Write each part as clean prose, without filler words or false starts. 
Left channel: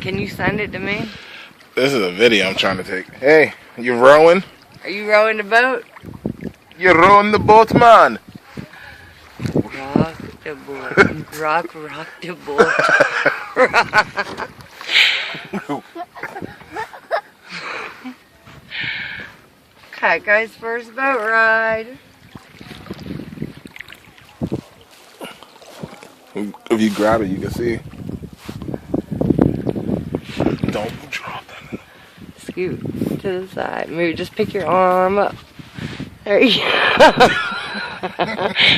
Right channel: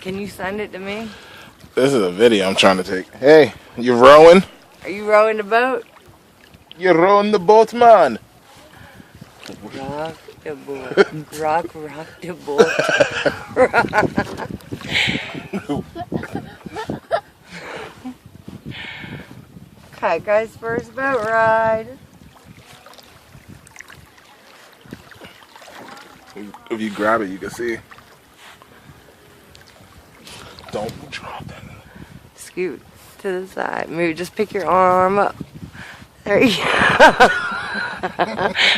Can you send it to me? This is a video I'm trying to take. Hey, you rowing? Are you rowing the boat? You're rowing the boat, man. Rock the boat. Rock the boat. Cat guy's first boat ride. If you grab it, you can see. Don't drop that. Scoot to the side. Move. Just pick your arm up. There you go.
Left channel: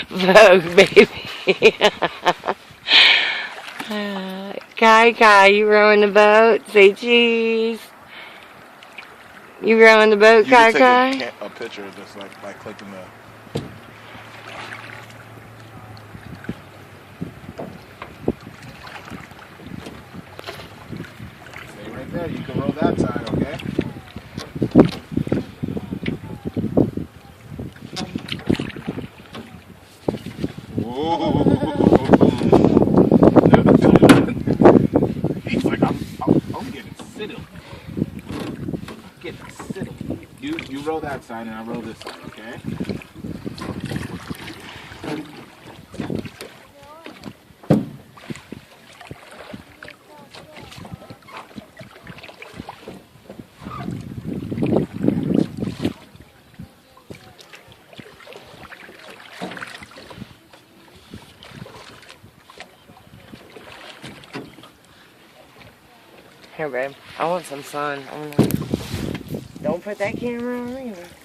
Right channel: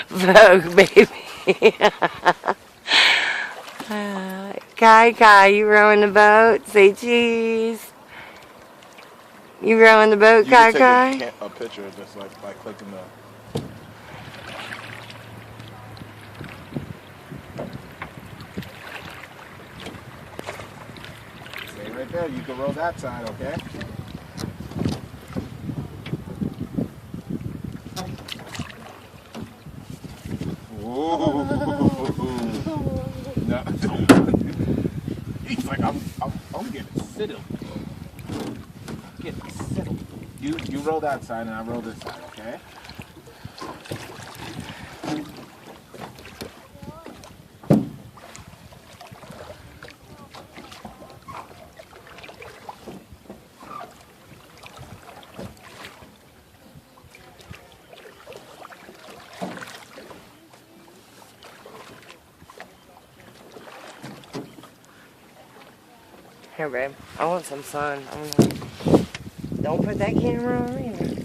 Vogue, baby. Kai, you rowing the boat? Say cheese. You rowing the boat, You can Kai? take a picture just like by clicking the. Stay right there. You can roll that side, okay? Whoa. He's like, I'm getting settled. Getting settled. You roll that side and I roll this side, okay? Here, babe. I want some sun. Don't put that camera on me.